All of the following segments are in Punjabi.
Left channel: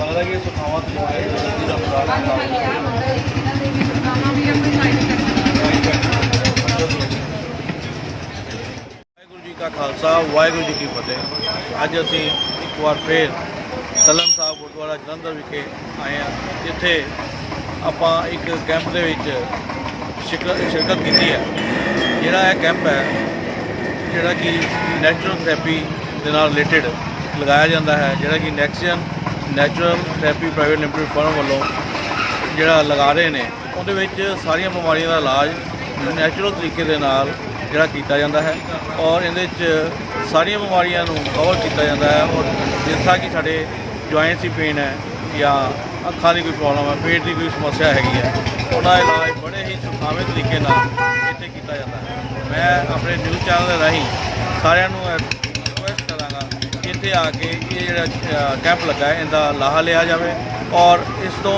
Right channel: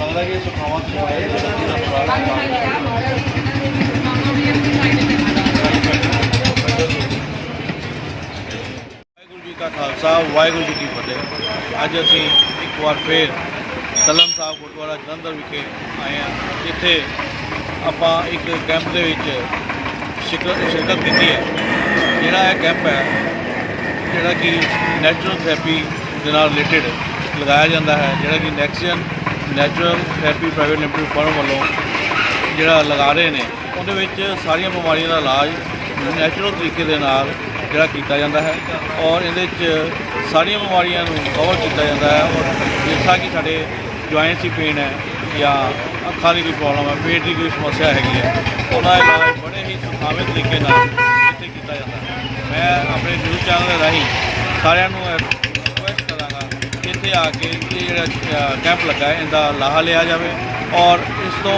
ਲੱਗਦਾ ਕਿ ਸੁਖਾਵਾਂ ਤੋਂ ਆਏ ਜਿਹਦਾ ਖੁਰਾਕ ਵਾਹਿਗੁਰੂ ਜੀ ਕਾ ਖਾਲਸਾ, ਵਾਹਿਗੁਰੂ ਜੀ ਕੀ ਫਤਿਹ। ਅੱਜ ਅਸੀਂ ਇੱਕ ਵਾਰ ਫੇਰ ਤਲਮ ਸਾਹਿਬ ਗੁਰਦੁਆਰਾ ਜਲੰਧਰ ਵਿਖੇ ਆਏ ਹਾਂ, ਜਿੱਥੇ ਆਪਾਂ ਇੱਕ ਕੈਂਪ ਦੇ ਵਿੱਚ ਸ਼ਿਰਕਤ ਸ਼ਿਰਕਤ ਕੀਤੀ ਹੈ। ਜਿਹੜਾ ਇਹ ਕੈਂਪ ਹੈ ਜਿਹੜਾ ਕਿ ਨੈਚੁਰਲ ਥੈਰੇਪੀ ਦੇ ਨਾਲ ਰਿਲੇਟਡ ਲਗਾਇਆ ਜਾਂਦਾ ਹੈ, ਜਿਹੜਾ ਕਿ Nexgen natural therapy private limited firm ਵੱਲੋਂ ਜਿਹੜਾ ਲਗਾ ਰਹੇ ਨੇ, ਉਹਦੇ ਵਿੱਚ ਸਾਰੀਆਂ ਬਿਮਾਰੀਆਂ ਦਾ ਇਲਾਜ ਨੈਚੁਰਲ ਤਰੀਕੇ ਦੇ ਨਾਲ ਜਿਹੜਾ ਕੀਤਾ ਜਾਂਦਾ ਹੈ ਔਰ ਇਹਦੇ ਵਿੱਚ ਸਾਰੀਆਂ ਬਿਮਾਰੀਆਂ ਨੂੰ ਕਵਰ ਕੀਤਾ ਜਾਂਦਾ ਹੈ ਔਰ ਜਿਸ ਤਰ੍ਹਾਂ ਕਿ ਸਾਡੇ ਜੁਆਇੰਟਸ ਦੀ ਪੇਨ ਹੈ ਜਾਂ ਅੱਖਾਂ ਦੀ ਕੋਈ ਪ੍ਰੋਬਲਮ ਹੈ, ਪੇਟ ਦੀ ਕੋਈ ਸਮੱਸਿਆ ਹੈਗੀ ਹੈ ਉਹਦਾ ਇਲਾਜ ਬੜੇ ਹੀ ਸੁਖਾਵੇਂ ਤਰੀਕੇ ਨਾਲ ਕੀਤਾ ਜਾਂਦਾ। ਮੈਂ ਆਪਣੇ ਨਿਊਜ਼ ਚੈਨਲ ਦੇ ਰਾਹੀਂ ਸਾਰਿਆਂ ਨੂੰ ਰਿਕੁਐਸਟ ਕਰਾਂਗਾ ਕਿ ਇੱਥੇ ਆ ਕੇ ਇਹ ਜਿਹੜਾ ਕੈਂਪ ਲੱਗਾ ਹੈ ਇਹਦਾ ਲਾਹਾ ਲਿਆ ਜਾਵੇ ਔਰ ਇਸ ਤੋਂ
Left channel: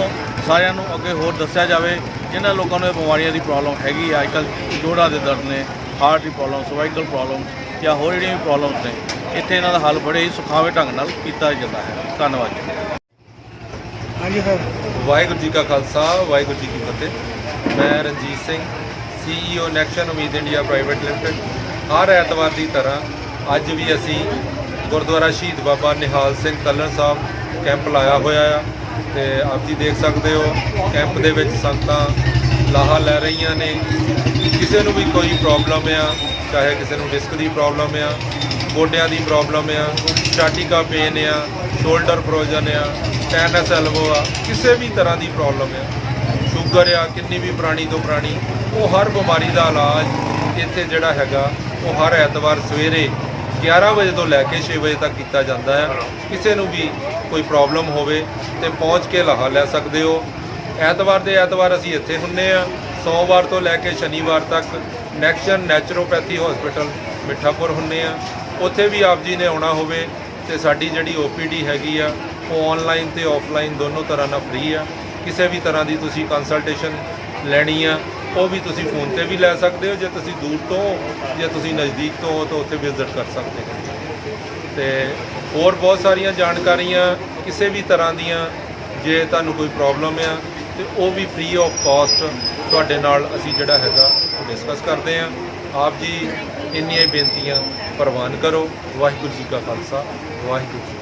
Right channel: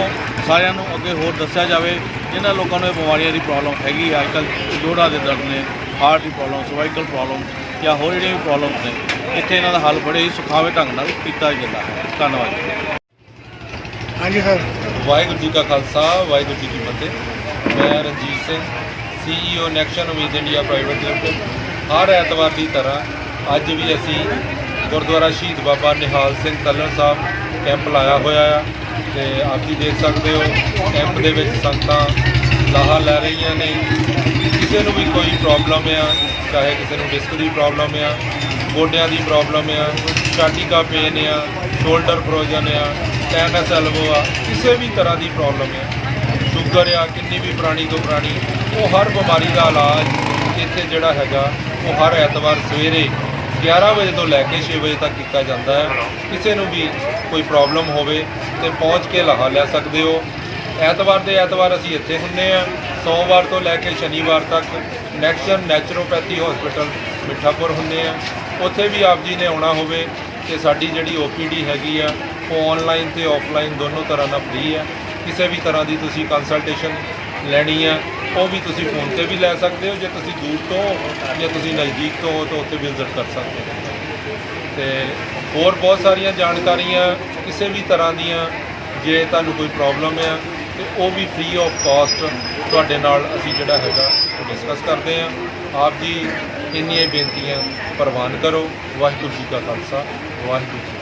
ਸਾਰਿਆਂ ਨੂੰ ਅੱਗੇ ਹੋਰ ਦੱਸਿਆ ਜਾਵੇ ਜਿਨ੍ਹਾਂ ਲੋਕਾਂ ਨੂੰ ਇਹ ਬਿਮਾਰੀਆਂ ਦੀ ਪ੍ਰੋਬਲਮ ਹੈਗੀ ਆ। ਅੱਜਕੱਲ੍ਹ ਜੋੜਾਂ ਦੇ ਦਰਦ ਨੇ ਹਾਰਟ ਦੀ ਪ੍ਰੋਬਲਮ ਸਰਵਾਈਕਲ ਪ੍ਰੋਬਲਮਸ ਜਾਂ ਹੋਰ ਜਿਹੜੀਆਂ ਵੀ ਪ੍ਰੋਬਲਮਸ ਨੇ ਇੱਥੇ ਇਹਨਾਂ ਦਾ ਹੱਲ ਬੜੇ ਹੀ ਸੁਖਾਵੇਂ ਢੰਗ ਨਾਲ ਕੀਤਾ ਜਾਂਦਾ ਹੈ। ਧੰਨਵਾਦ ਜੀ। ਹਾਂਜੀ ਸਰ ਵਾਹਿਗੁਰੂ ਜੀ ਕਾ ਖਾਲਸਾ ਵਾਹਿਗੁਰੂ ਜੀ ਕੀ ਫਤਿਹ। ਮੈਂ ਰਣਜੀਤ ਸਿੰਘ ਸੀਈਓ ਨੈਕਸ਼ਨ ਉਮੀਦ ਇੰਡੀਆ ਪ੍ਰਾਈਵੇਟ ਲਿਮਟਿਡ ਹਰ ਐਤਵਾਰ ਦੀ ਤਰ੍ਹਾਂ ਅੱਜ ਵੀ ਅਸੀਂ ਗੁਰਦੁਆਰਾ ਸ਼ਹੀਦ ਬਾਬਾ ਨਿਹਾਲ ਸਿੰਘ ਤਲਣ ਸਾਹਿਬ ਕੈਂਪ ਲਾਇਆ ਹੋਇਆ ਆ ਤੇ ਆਪ ਜੀ ਦੇਖ ਸਕਦੇ ਹੋ ਕੈਂਪ ਦੇ ਵਿੱਚ ਸੰਗਤਾਂ ਲਾਹਾ ਲੈ ਰਹੀਆਂ ਨੇ। ਕਿਸੇ ਨੂੰ ਵੀ ਕੋਈ ਪ੍ਰੋਬਲਮ ਆ, ਚਾਹੇ ਕਿਸੇ ਨੂੰ ਡਿਸਕ ਦੀ ਪ੍ਰੋਬਲਮ ਆ, ਗੋਡਿਆਂ ਦੀ ਪ੍ਰੋਬਲਮ ਆ ਸਟਾਟਿਕਾ ਪੇਨ ਆ ਸ਼ੋਲਡਰ ਫਰੋਜ਼ਨ ਆ ਟੈਨਸ ਐਲਬੋ ਆ, ਕਿਸੇ ਵੀ ਤਰ੍ਹਾਂ ਦੀ ਪ੍ਰੋਬਲਮ ਆ। ਸ਼ੂਗਰ ਆ, ਕਿੰਨੀ ਵੀ ਪੁਰਾਣੀ ਤੋਂ ਪੁਰਾਣੀ, ਉਹ ਹਰ ਬਿਮਾਰੀ ਦਾ ਇਲਾਜ ਇੱਥੇ ਜਿਹੜਾ ਹੈਗਾ, ਉਹ ਹਰ ਐਤਵਾਰ ਸਵੇਰੇ 11 ਵਜੇ ਤੋਂ ਲੈ ਕੇ 6 ਵਜੇ ਤੱਕ ਕੀਤਾ ਜਾਂਦਾ ਹੈ। ਕਿਸੇ ਨੂੰ ਵੀ ਕੋਈ ਪ੍ਰੋਬਲਮ ਹੋਵੇ ਤੇ ਪਹੁੰਚ ਕੇ ਲਾਹਾ ਲੈ ਸਕਦੇ ਹੋ। ਐਤਵਾਰ ਦੇ ਐਤਵਾਰ ਅਸੀਂ ਇੱਥੇ ਹੁੰਨੇ ਆ। ਸੋਮਵਾਰ ਤੋਂ ਲੈ ਕੇ ਸ਼ਨੀਵਾਰ ਤੱਕ ਨੈਕਸ਼ਨ ਨੈਚੁਰੋਪੈਥੀ ਹਸਪੀਟਲ ਮਿੱਠਾਪੁਰ ਹੁੰਨੇ ਆ। ਉੱਥੇ ਵੀ ਆਪ ਜੀ ਨੇ ਆਉਣਾ ਹੋਵੇ ਤੇ ਸਾਡੀ ਜਿਹੜੀ ਓਪੀਡੀ ਹੈਗੀ ਆ, ਉਹ ਆਨਲਾਈਨ ਤੇ ਆਫਲਾਈਨ ਦੋਨੋਂ ਤਰ੍ਹਾਂ ਨਾਲ ਫ੍ਰੀ ਆ। ਕਿਸੇ ਵੀ ਤਰ੍ਹਾਂ ਦੀ ਤੁਸੀਂ ਕੰਸਲਟੇਸ਼ਨ ਲੈਣੀ ਆ, ਉਹ ਵੀ ਤੁਸੀਂ ਫੋਨ ਤੇ ਵੀ ਲੈ ਸਕਦੇ ਹੋ, ਜੇ ਤੁਸੀਂ ਦੂਰ ਤੋਂ ਹੋ, ਜਾਂ ਤੁਸੀਂ ਨਜ਼ਦੀਕ ਤੋਂ ਹੋ, ਤਾਂ ਉੱਥੇ ਵਿਜ਼ਿਟ ਕਰ ਸਕਦੇ ਹੋ। ਤੇ ਹੋਰ ਬਹੁਤ ਸਾਰੀਆਂ ਜਾਣਕਾਰੀਆਂ ਕਿਸੇ ਵੀ ਤਰ੍ਹਾਂ ਦੀਆਂ, ਜੇ ਤੁਹਾਨੂੰ ਕੋਈ ਪ੍ਰੋਬਲਮ ਆ, ਤੇ ਉਹ ਵੀ ਫ੍ਰੀ ਆਫ ਕਾਸਟ ਤੁਹਾਡੇ ਨਾਲ ਅਸੀਂ ਜਿਹੜਾ ਹੈਗਾ, ਉਹ ਡਿਸਕਸ ਕਰਦੇ ਆ। ਆਪ ਜੀ, ਇੰਨੀਆਂ ਬੇਨਤੀਆਂ, ਪ੍ਰਵਾਨ ਕਰੋ। ਵਾਹਿਗੁਰੂ ਜੀ ਕਾ ਖਾਲਸਾ, ਵਾਹਿਗੁਰੂ ਜੀ